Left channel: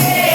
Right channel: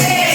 Hey!